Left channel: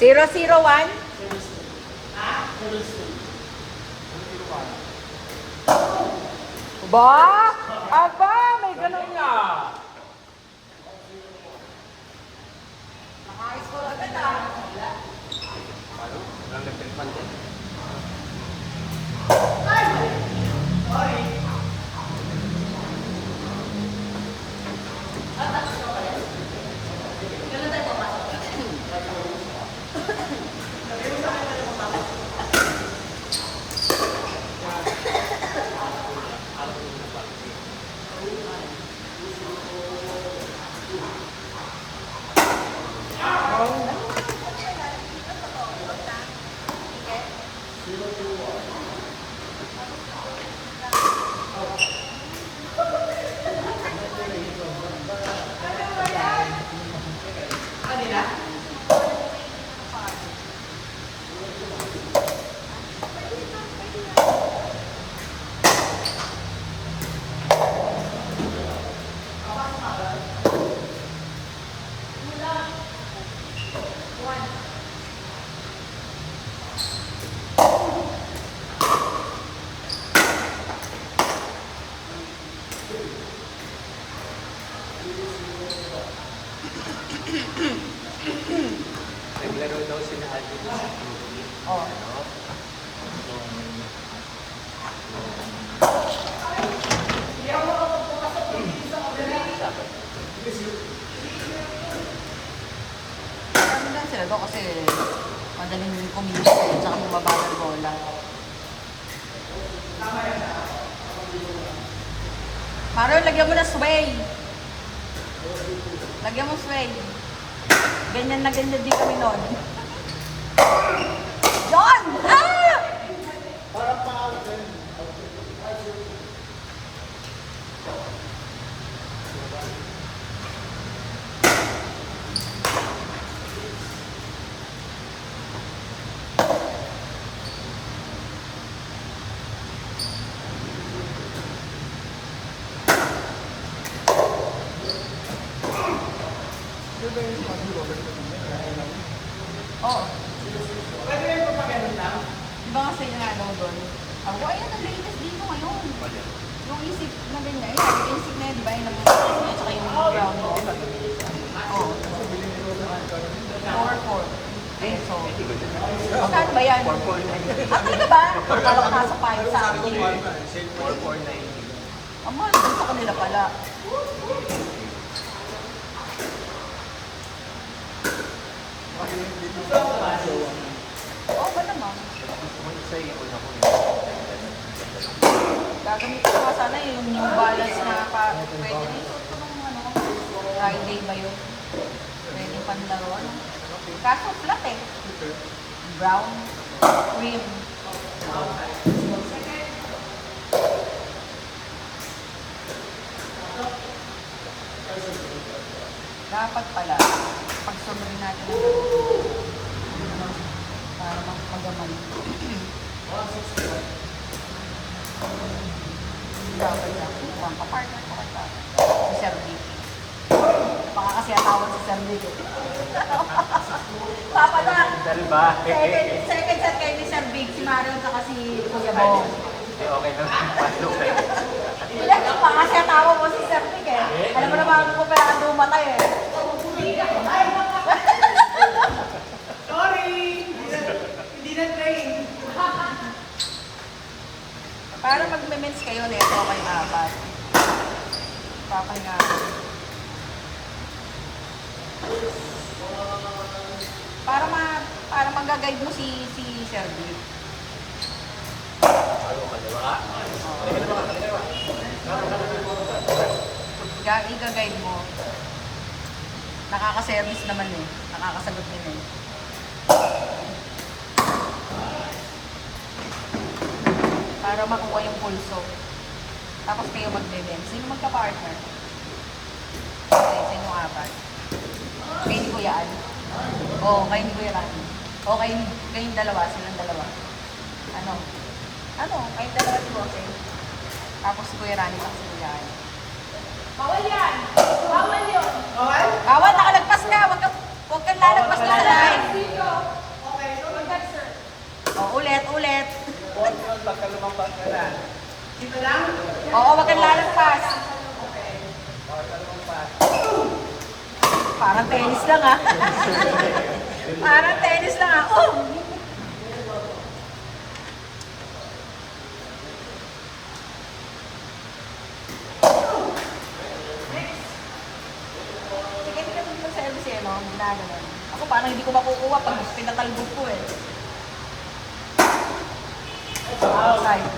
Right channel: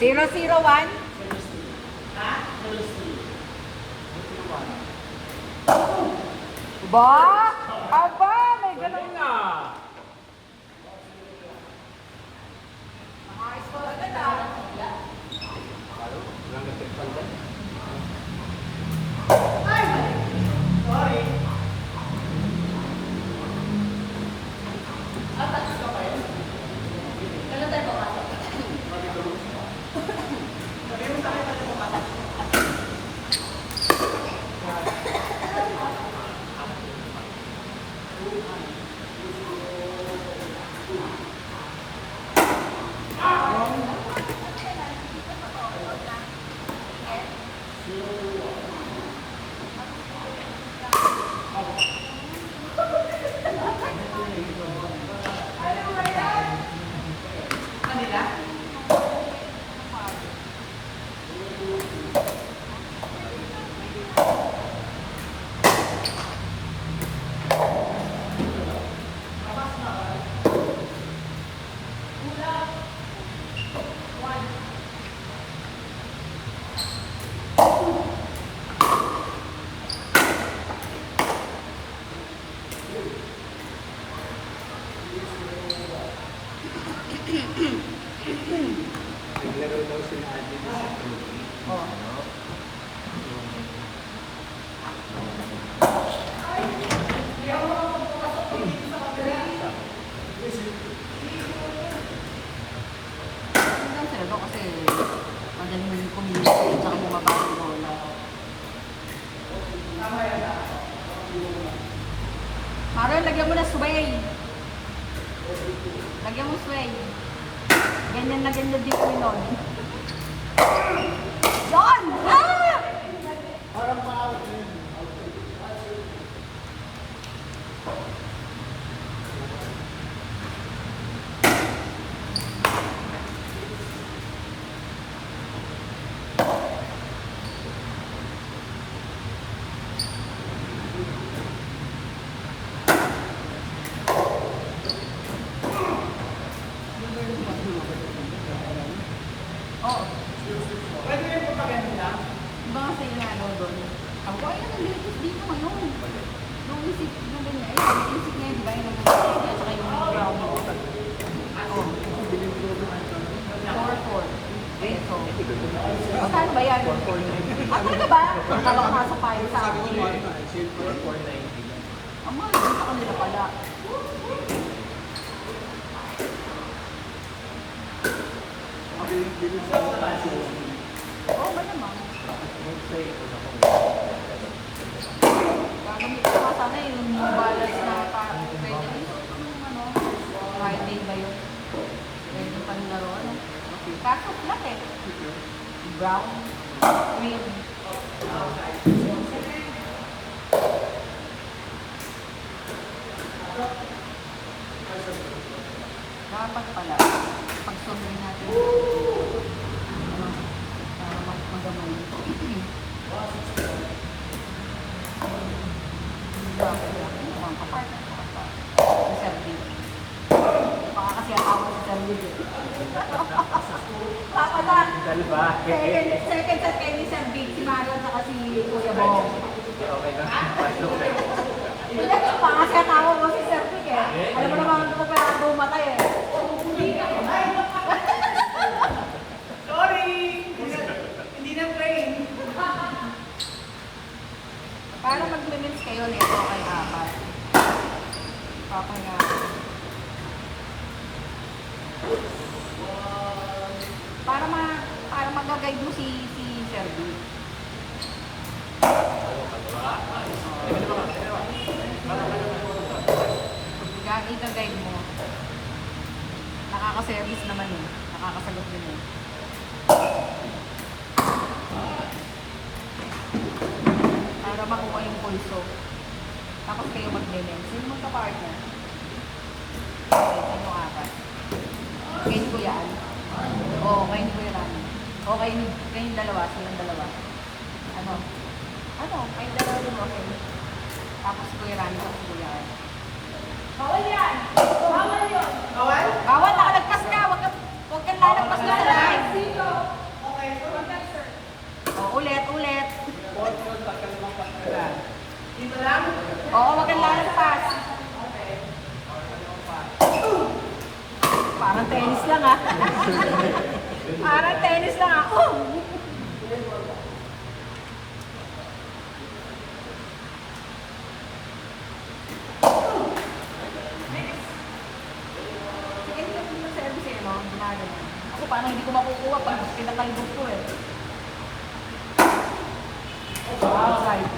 001? Ba? Aba, may ganun nga. Naka-score agad ah. Naglaro daw sila ate. Oh. Ano lang sila doon kasi madaling kumilos at saka bumaba ng bola. Maroon, lagyan mo na sway. Lagyan mo sway. Ganyan na ganyan din kami noon. John! Ah! Oo. Pwede rin po paganda? Iba nga sa'yo nga daw doon. Ako, ayan, ang latest dito ngayon. Yung isip na ganyan. Yung isip na yun, di ba? Yung naman at saka yung brown. Oo. 4-4. Okay, so. Magkano ba yan? Ah, talaga ba? Akala ko nasa 5 sa akin. Ang mahal doon sa kanila pala. Oo ba naman? Gagamit ko pa sana yung new balance na pwede rin ito nung ano, Friday ba yun? Pwede kang laro, ano? Kaso flat eh. Brown, cream. Dapat pala, pagsamay natin para magabay. Dapat yan. Mukhang kapart. Si Sir Vic. Baka kasi atawa si Sir Vic. Tama na. Second set kayo ni Sir Vic, si Mario at si Kuya Bong. Okay na. Pasok na. Baka kasi atawa mo si Sir Vic eh. Alam mo naman kung kaya ka bumatay eh. Sorry! Hindi na train. Para mag-limits kayo nito kay apat. Papahinga. Para mag-guide mo si Sir Vic. I-guide mo. Nakaka-service naman eh. Nakakasagot din eh. Para makuha yung pulso. Tapos kayo mag-event. Sino magka-partner? Okay, sa inyo apat. Kay ni Kuya Al. Oo, kay ni Kuya Rani. O kayong dalawa, silang dalawa. Ano? Kayong dalawa din okay. Tapos si Kuya Rani, tapos si Kuya Al. Bawal yan! Bawal yun! Bawal? Bawal, nakalagpas ka! Huwag kang lalagpas na sa live! Parang tennis lang ah. Parang tennis lang ah. Oh! Sige, hindi ko yung service eh, no? Ginagawa. Ako parang hindi ko makukuha pag pinatalbog ko eh. Outside.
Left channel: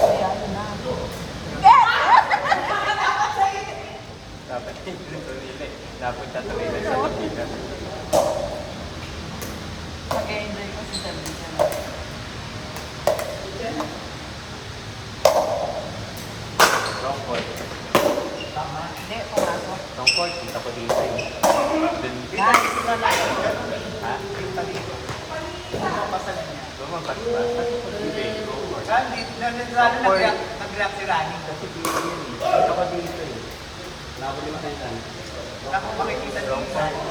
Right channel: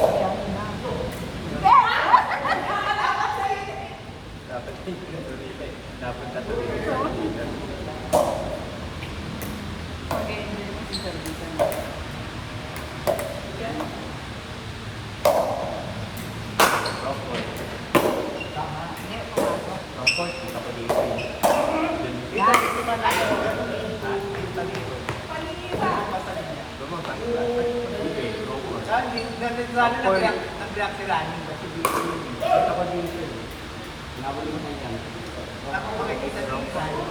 Kaya yun na. Dapat dapat tatuloy. Okay, balik ko si service. Hindi, pumasok. Comfort, kita ko dito eh. Guys, Nag-react si Rani. Ako makikita dito.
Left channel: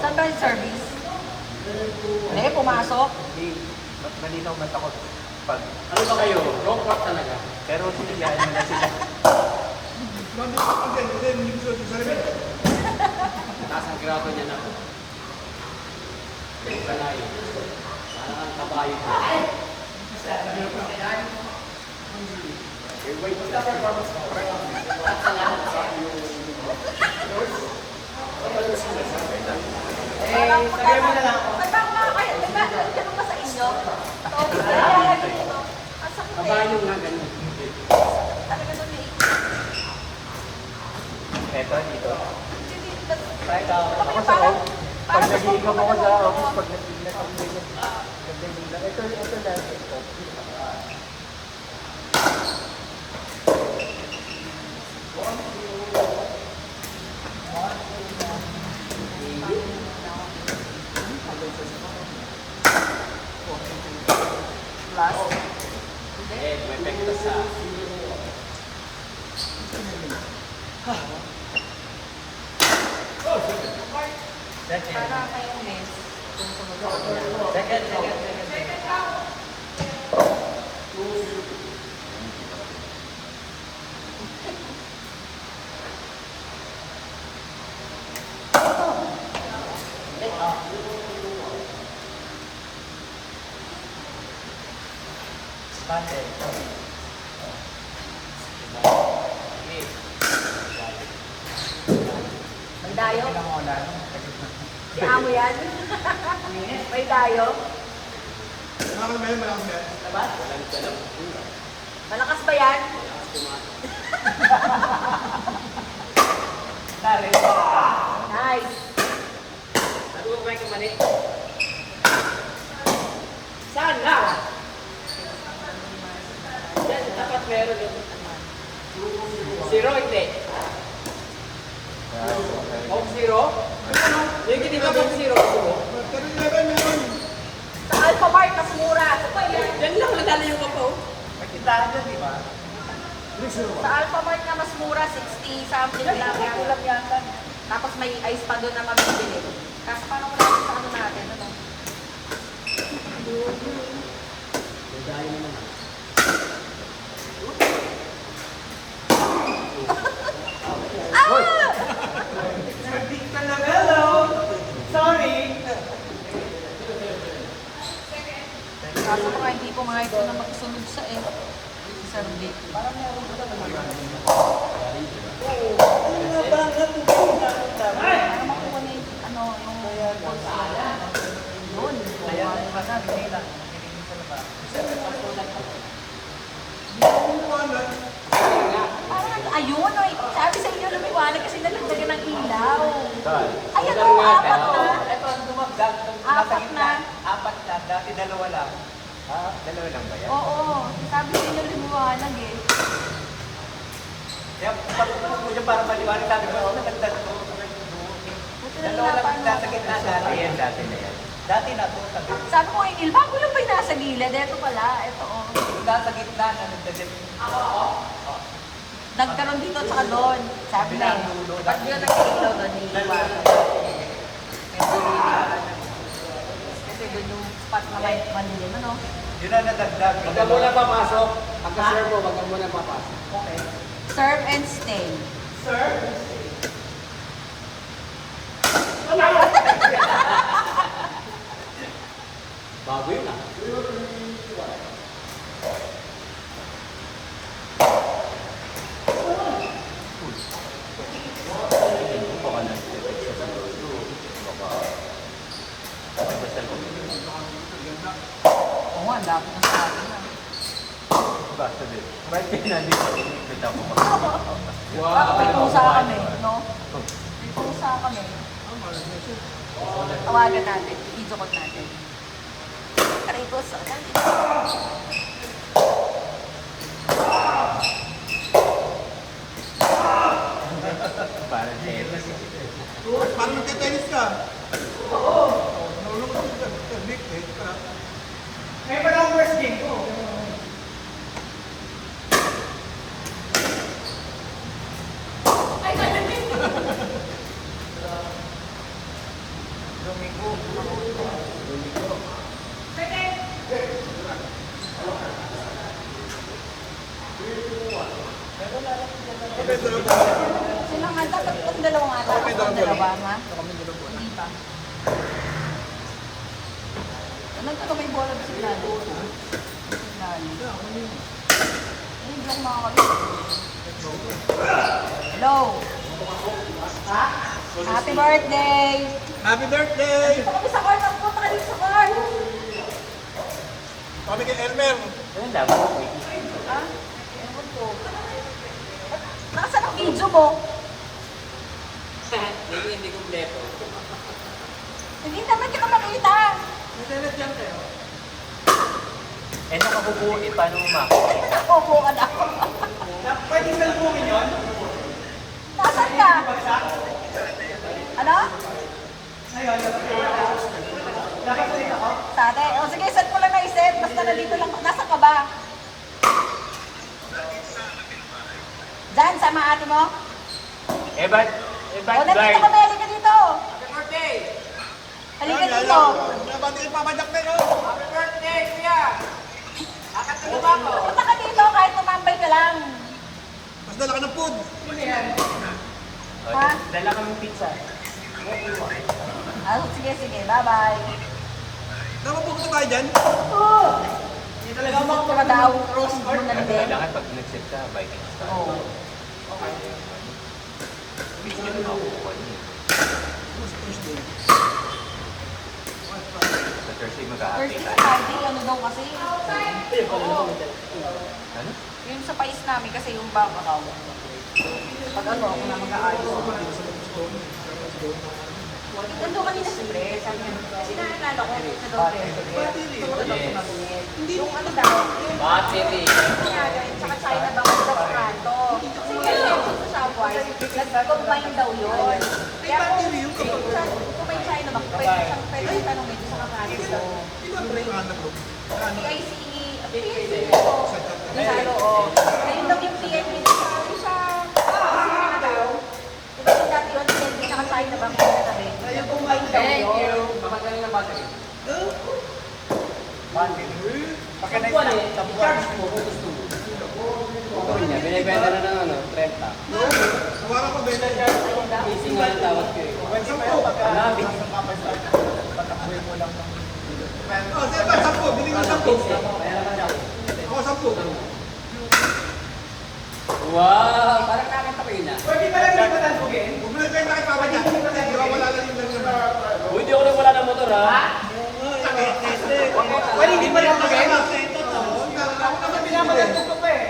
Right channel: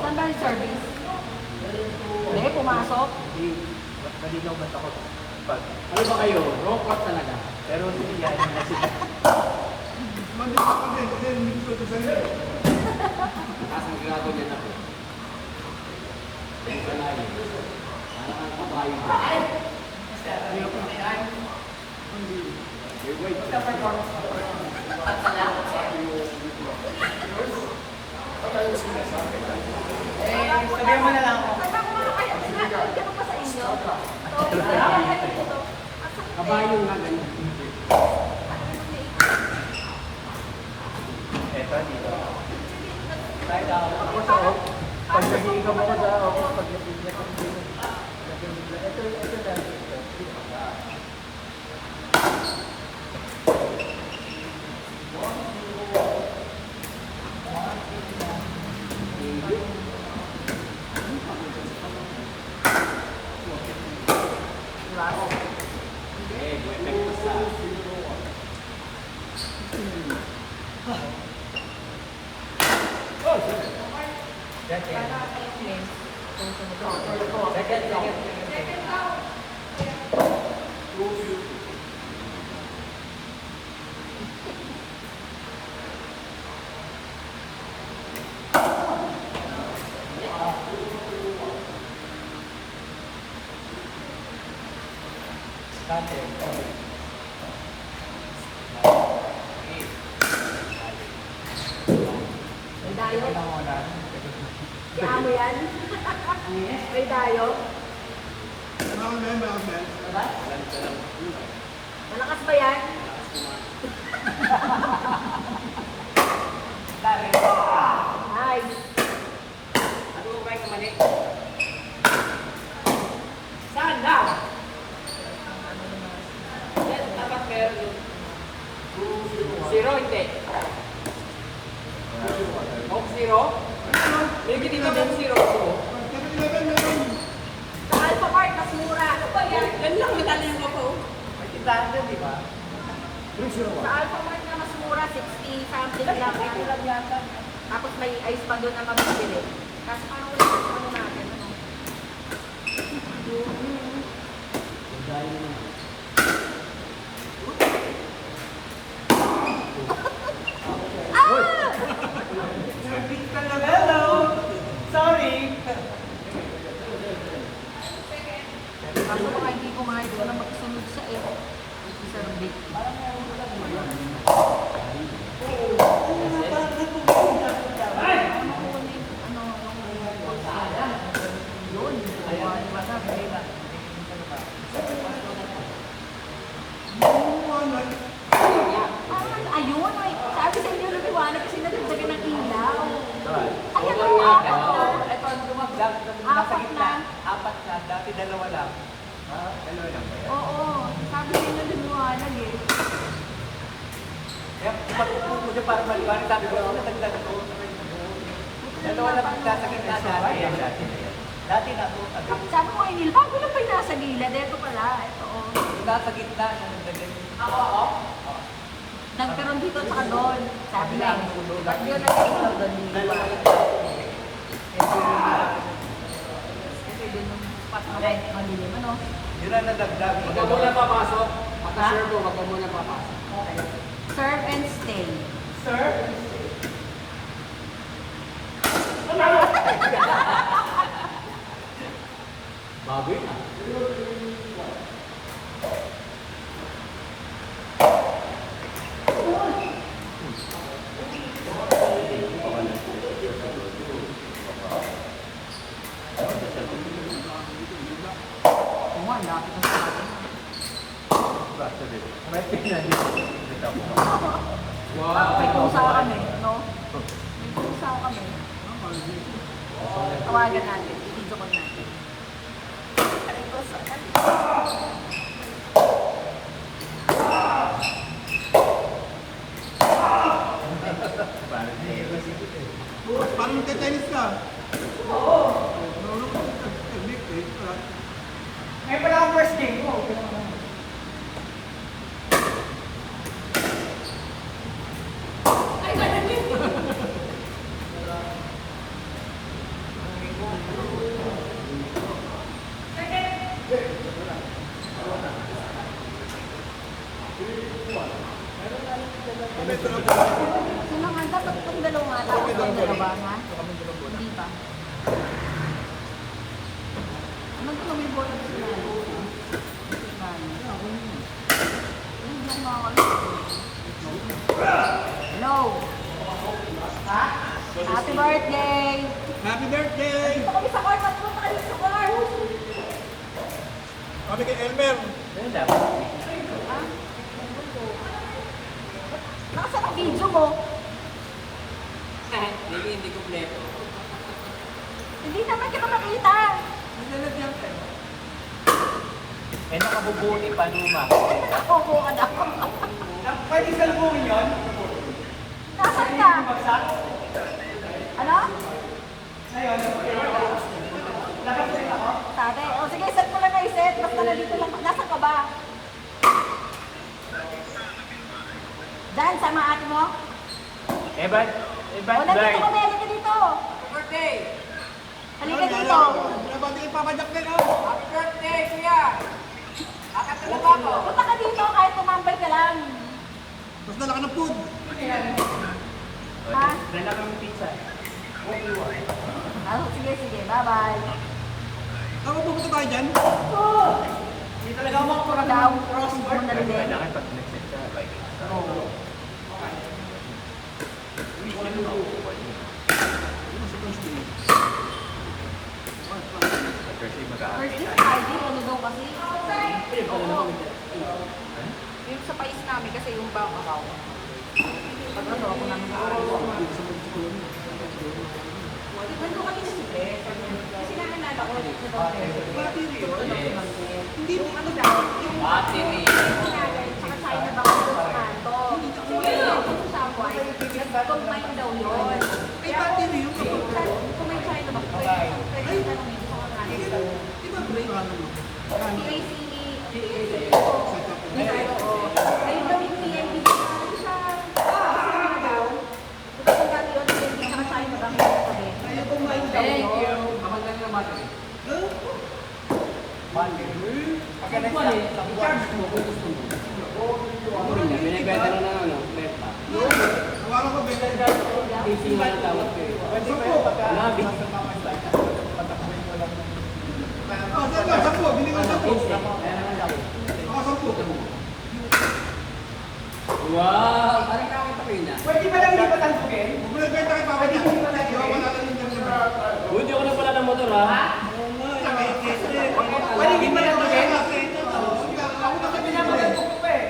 saan ba yung service? Hindi, pumasok. Malinaw ba't ako? Pag, ano ba kayo? Wrong part talaga. Pero hindi yan naman kasi. Taas ang grabo dyan ako. Sanay. Kabayo. Sabihan mo na lang ako. Diba ba sa inyo? Kabayo nga ano. Eto dito. Pag nag-iikam ako sa office, pag nag-iikam ako May dayo? Si Amo yan? May dayo? Diba? Malakas ba yan? Dari. Nice. Ano ba may kamali? Sana! Dapat meron. Zero, hindi. Home zero? Bigyan din mo home zero. Sa Alpha Mart, mas mura. Ano ba yan? Yan lang madala yung ako. May tindahan dyan, di ba? Sa Alpha Mart na mas mura, 60 something lang. Yan lang yata. Tapos may ice pa doon na mabibili. Kaso paano wala sa ano natin? Ano? Hello! Sorry! Kaso baka hindi pumayag ko na makasunod sa Sarbik. Para makuha na yung ano, yung doon. Parang ayun, ay, sabi sa inyo lumiwanag kasi nalagdagan ng ilaw. Ayan o, apat na. Ito, dumagdag. Apat na. Apat na. Dati dalawa lang. Dalawa lang ba yan? Oo, sabi sa inyo lumiwanag eh. Kaya pag mo dyan para maliwanag, sabi ko, nagdag ko. Buti na Dalawa lang hinapan nasa gitna dati. Ayan, dati na yan. Dati na to, sabi ko. Sabi ko, Emil, bago lang pa yung nasa gilid. Ito pala, ito o. Nasa gitna na nagdagan. Nagkaroon dito at saka doon. Sabi na yun. Pag yun ang ilaw doon, yung liwanag. Yun ang nadagdag. Huwag ka muna papasok. Pagka-serve mo, huwag ka muna papasok. Okay. Serve and stay. Sir? Bago yun ah. Oo nga, lapit na sa akin. Basta din. Ba't kaya nandito? May kusa kami, no? May kusa kami. Tawagan natin, video call natin. Aray ko sa Parang nagka-tennis ka. Oo. Nalulong ko sa big day. Ngayon pala ang first game ko. Sila nga, dapat itong dalawang ata. Itong dalawa, ha? Hindi pa. Ano ito may bola sa sinalo? Yung joke mga kami. Hello! Ha? Happy birthday! Happy birthday! Ito kami sa car, ito kami sa car! Kami kay Elmer. Ano dapat? Ha? Nakasaan ang video mo? Kahit hindi kompleto. Hindi naman kita makita. Eh, nakabubuo paano umakot? Opo ka na. Pwede salubungin yun? Nasaan ka? Ano? Ngayon, dapat ko rin ako? Sa atin. O sige, set mo lang na iset. Basta nandito lang. Nasaan ka ba? Diyan, sama ate mo? O, nandito kami. Halika dito. Happy birthday! Halika dito. Nabati yung papadak na yun. Happy birthday, kuya! Punta ka dito kahit tumambay ka lang. Mas dala ka ng food. Ha? Dala kami pizza. Sige, sige. Bye-bye. Saan mo pupunta tayo dyan? Hindi talaga Pura daw. Cross board na rin. Kailangan pag nag-sit ka, bike. Oo. Sa Thursday mag-aaral. First day, Friday, ano daw kasi? Oo. Yung sa pais namin kasi yung bank account. Pag ano, kung na mag-aayos. Nandun kanina sa dress, sabi niya, kasi naalala ko sa doon yung ano daw, yung Battery! nangyari, tsaka China Bank sa kanto. Sige, yung sa Shopwise, nag-combine daw yun. Kaya kung may China Bank, pwede tanong medyo sa kanto. Ano ba yung ano mo? PICE, ayun daw yung PNB sa mga daw. Ito kung dati yung PNB sa China Bank sa katabi. Combine daw Thank yun. you! Kamagana ng battery. Pagka na-charge mo. Binibenta na ng ano, Tesla. Hawakan ko, Bella. Easy nga ang tawag ko. Marami. Oh, sige ba? 10. Bili ko 10. Ako 10. Wow! Parang nakakatakin na. Pwede pa lang hindi ba talbugin? Huwag mo nagbenta kay Papa Jack. Wala na yung dagdagan. Hindi ako nagwala ng motor ha? Pwede hindi ba talbugin? Ako naman Pinapalan binibili. ko pa eh.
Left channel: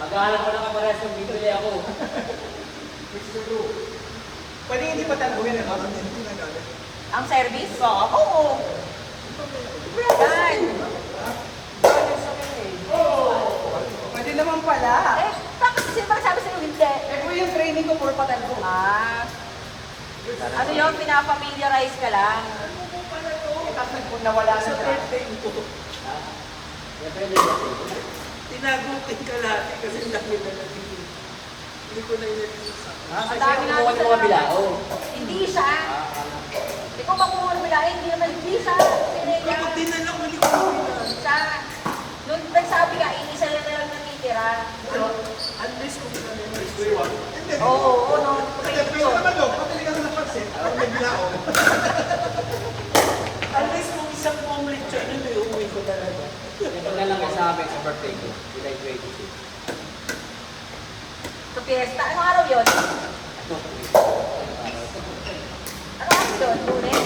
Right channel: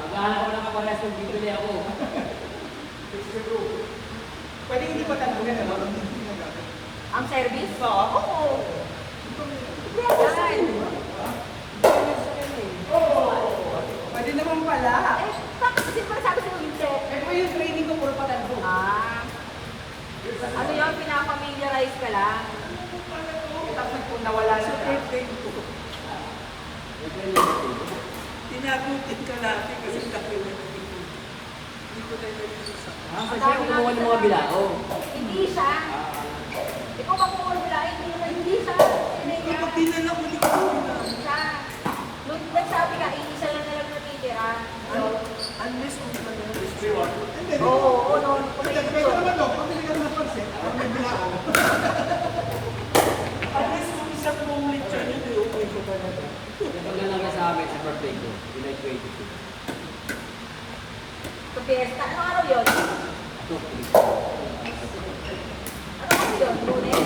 Maghahanap ko na kapares kung dito niya ako. Pwede hindi pa talbugin ano? Ang service? Oo. Yan. Pwede naman pala. Eh, tapos kasi parang sabi sa'yo, hindi. Eh po yung training ko puro patalbog. Ah. Ano yun, pinapamiliarize ka lang. Tapos nawala sa birthday ko. Tinagutin ka natin kasi laki na Ang dami nga Mga bilao. Hindi siya. Di Ikaw pa kung ano bilahin, hindi sa pinaya. Hindi na lang malikot. Sa, nung nagsabi ka, isa na lang natitira. So, Unless kung Hindi. oo, no. Hindi, pero naman ko, pabili ka na ng pansit, para may bilao. unless kung isang moment siya yun, iuwi ko talaga. Ito lang lang sa akin sa birthday ko. July 20. Sa fiesta, anong araw yun? Anong araw yun? Lunes?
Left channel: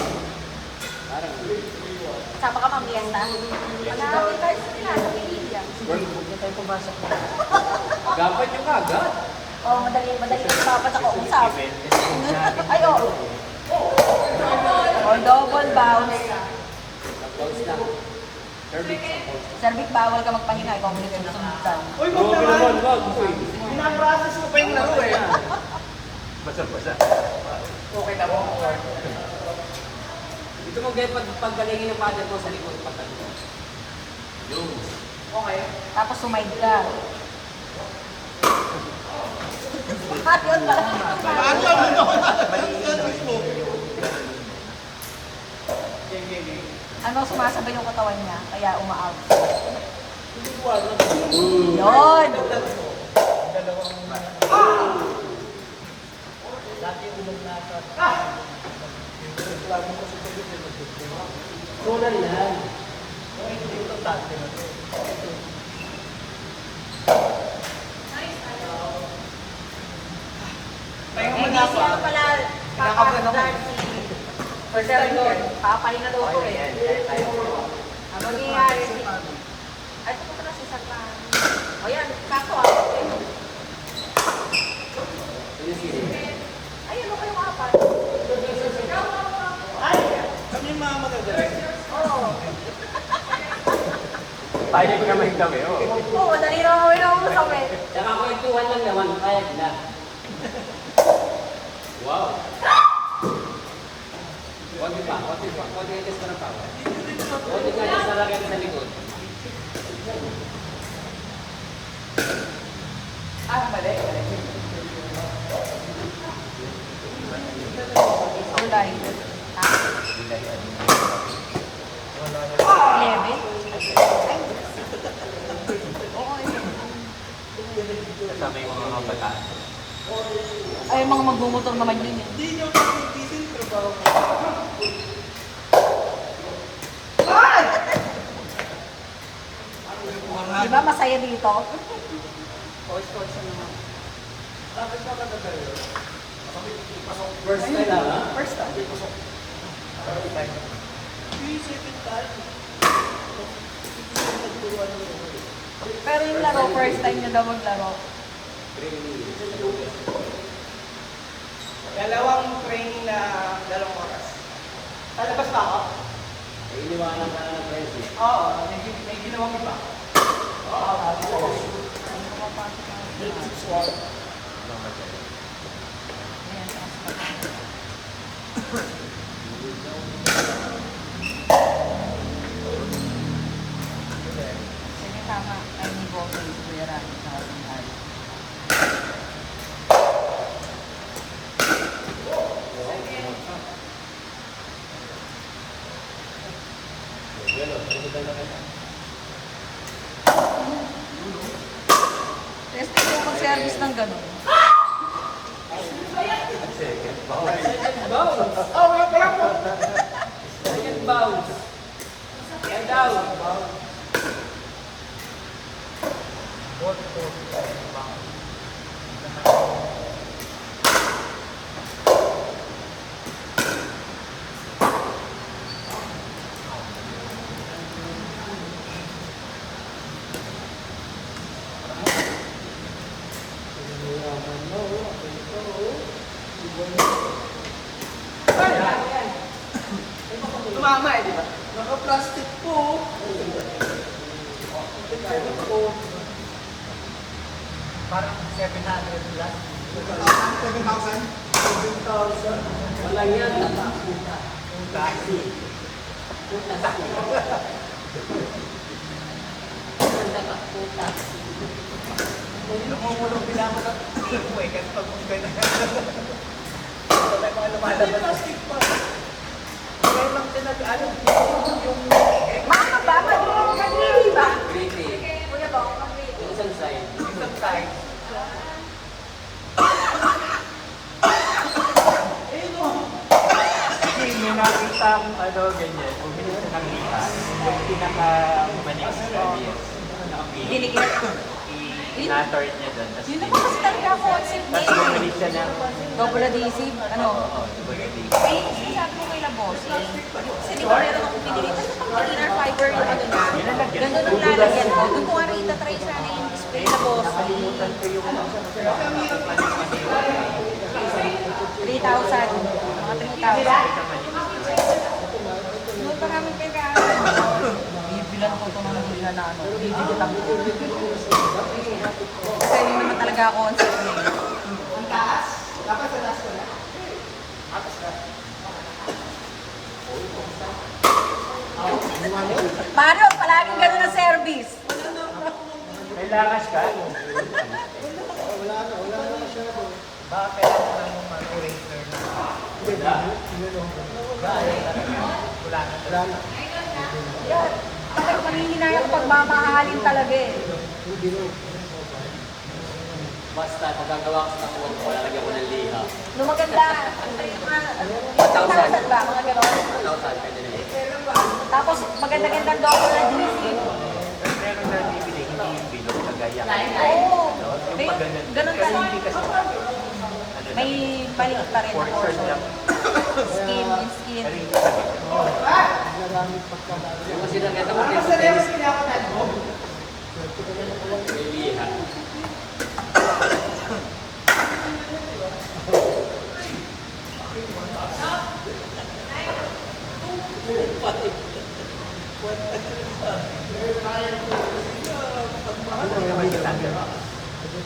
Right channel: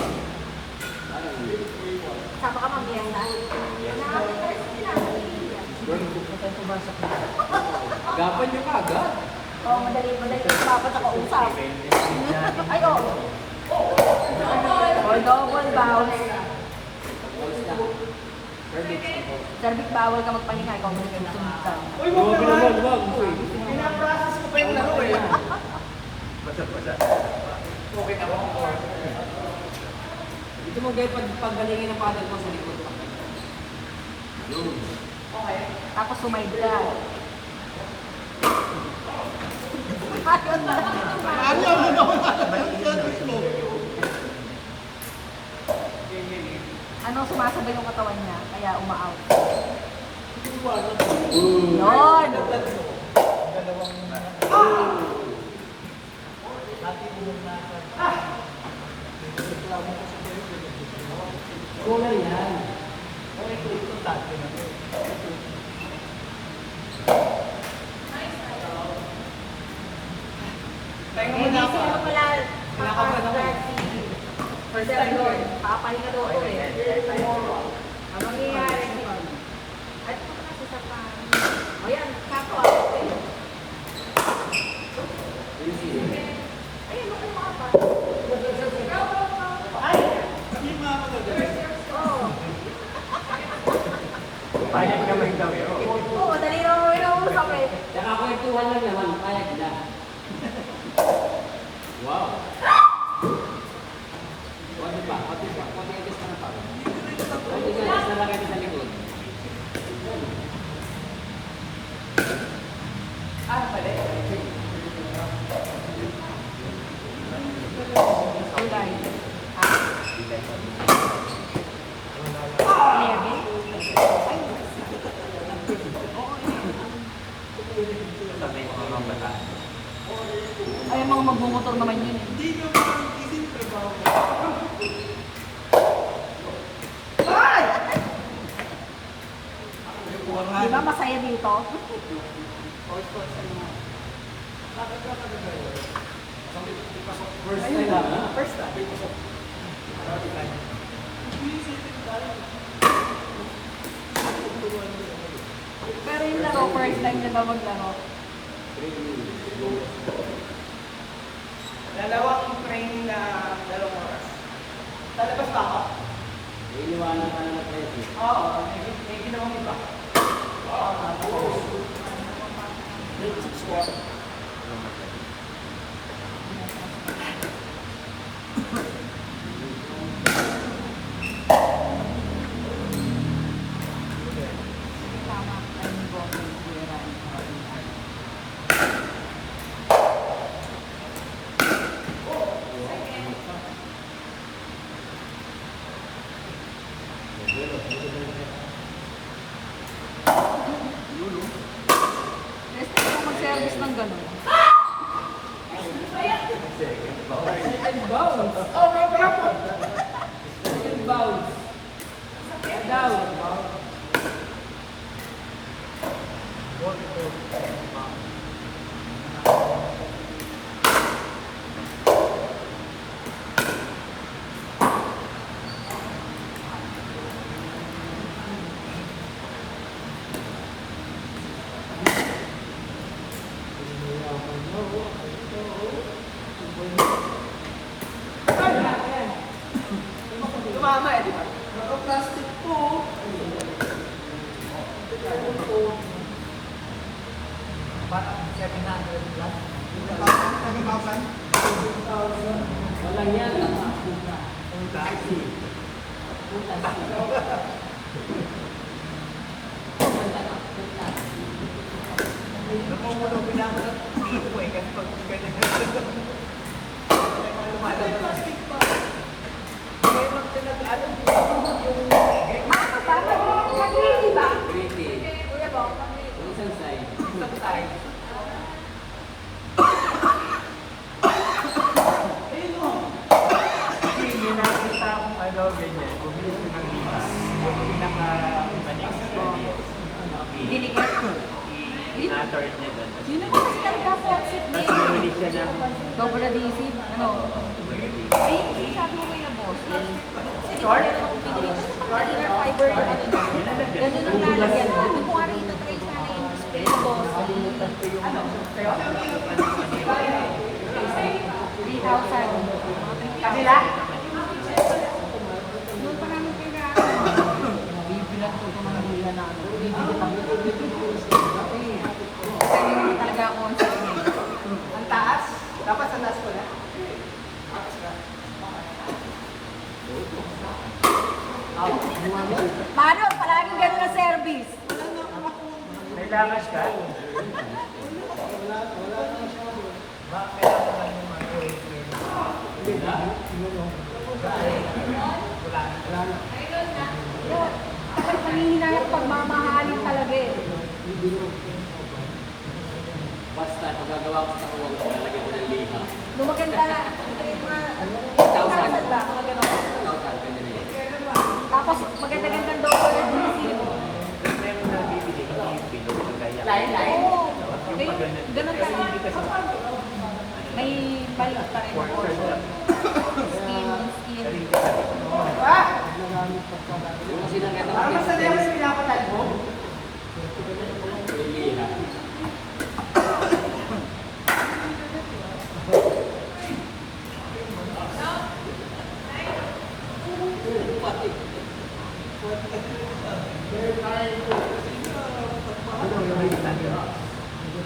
Sama ka pang fiesta? Hanapin ka sa nila, sa Pilipinas. Gapan nyo ka agad. Oo, madali dapat ako usap. Ay, oo. Or double bounce. Cervic bawal ka magpahinga, ikaw may susundan. Uy, wag naman! Pinaprocess ko pa yung laro eh. Basa-basa. Okay na po. Ito mo gaya pagdalingin ng paddle mo sa likod. Okay. Tapos sumide ka. Ayun pala. Paano naman ako yung service mo? Ano, sumasabay yung katawan niya, kaya uma-out. Yun! Pahinga Eh, muna hindi ako. siya pala Nakablan ako. First time doon, papahinga daw ko eh. Ang mangyayari, ay, ito pala sa Satan. O yan, kakawa ko eh. Ayun, ako yung apat. Kami yung mga magagaling. Oo. Tayo naman yung dami. Oo, madali naman yung sakit. Nakakwentuhan lang naman. Kaya na. Wow. Wag mo pa. Wag yung gusto na pa. Wag yung gusto na lang sa likod. Kulay. Ha? 11? Ay. Oo, Sabay ko mga bata. ay, mga magbumotor naman yun eh. Hindi nyo makakitisin, trabaho ko. Di ba masaya dito? First time lang, ha? First time. Pero yung laro, first time nyo daw maglaro. Dalawang training na 2 oras. Lalabas pa ako? Iniwanan ka lang tayo. Oo, may ginawang iba. Tama, ay ni Bobby, kuya Rami. Yes, yung service ng gano'n. Oo nga pala po. Second bounce. Second down. Tumama eh, di ba? Naka-plastic po. Parang 700 lang. 7,000? Walang yan. Nakukulo bilang na. Uy, ganito pa kung ganyan. May mga lumalabas. Maka ba? Mag-iili ba? Kuya to. Isang side. Isang side. Kasi may nakita akong ano, ganyan. Bumili siya ng lihan. Pinaka-manik service. Dinikit. I-natort niya doon. Tapos Yun naman kasi talaga concept niya. tapos bumili siya ng Double adhesive. Ano? Eh, sabi mo kay Labosi. Kasi di ba meron akong pinili. Tapos pag inner fiber yung ano na. Ganun ang lalagyan ko. Doon ko nga rin itatry sana yung display Labosi. 3,000. Mga 3,000. Noon pa namin pinag-aaral. Bibilan ko ito mga liha na ano. Bibilitan ko. Kasi yun naman talaga ako concept niya. Ang taas. Dapat sa last ko na. Paano? Palaging ganun ang service. may lakas ka. Baka kailangan ng mga curator na. Kasi nangihinayang pagmamahalin talaga eh. Basta nagagawa ko sa kuwag ko, lalagyan ko ng liha. Nung maganda, yung mga 1,000 ba? Mga gano'n. 1,000 ka nila. Tapos maganda-gandang double adhesive. Meron na bibili, hindi yung pinakagaya. Oo. May ganun talaga. May maliit pa rin na portion. Skin, skin. Yung kasi nakita ko Ano sa level pinapatad mo? yung liha.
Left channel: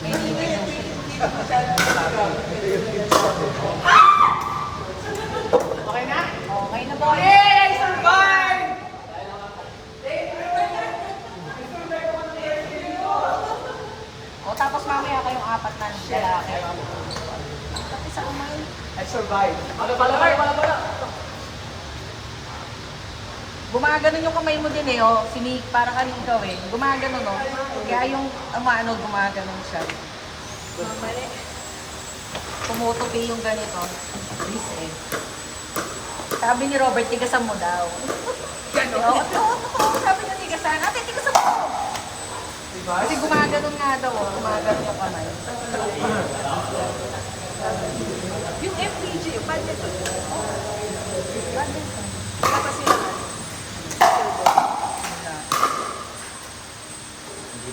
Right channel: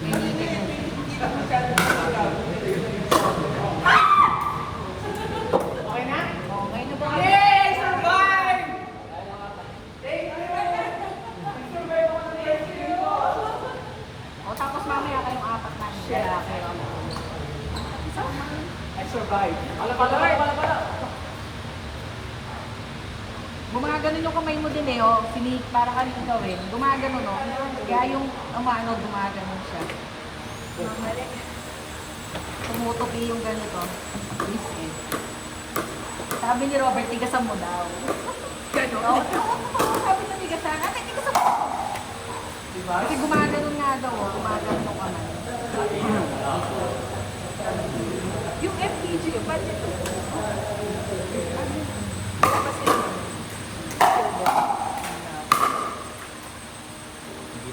May liit yung skin. Okay na? Okay na po. Yay! Survive! O tapos mamaya kayong apat na lalaki. Isa kumain. I survived. Wala pala. Gumaganon yung kamay mo din eh, oh. Sinik, para ka rin ikaw eh. Gumaganon, no? Kaya yung umano, gumaganon siya. Tumutupi yung ganito. This eh. Sabi ni Robert, tigasan mo daw. Oo, sabi niya tigasan. Ate, tigasan mo! Diba? Kasi gumaganon nga daw, oh. Gumaganon yung kamay. Yung FPG, yung badminton. Oh. Badminton. Tapos yun.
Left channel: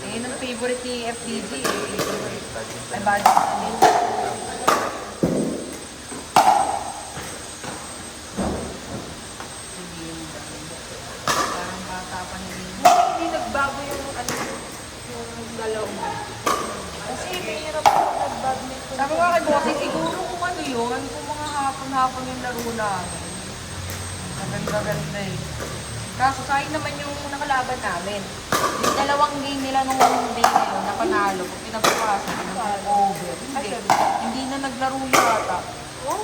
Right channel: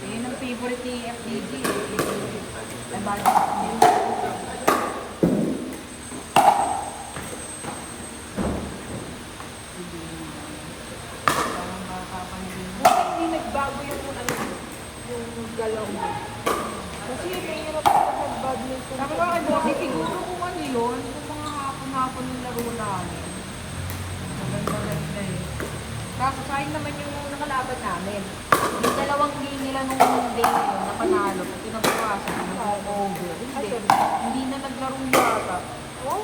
Eh, yung favorite ni FDG eh. Ay, badminton din. Sige. Parang bata pa ni Dino. Hindi nagbago yung ano, yung galaw niya. Kasi may nag-badminton. Sabi ko kay Bossy, siguro kung ano yun, kung mga hapon-hapon yung laro namin. Maganda-ganda eh. Kaso sayang naman yung nakalaban namin. Yung dalawang game nila nung day na yun, na panalo, kung pinabukasan, nag-over. Hindi na naglaro yata. Oh,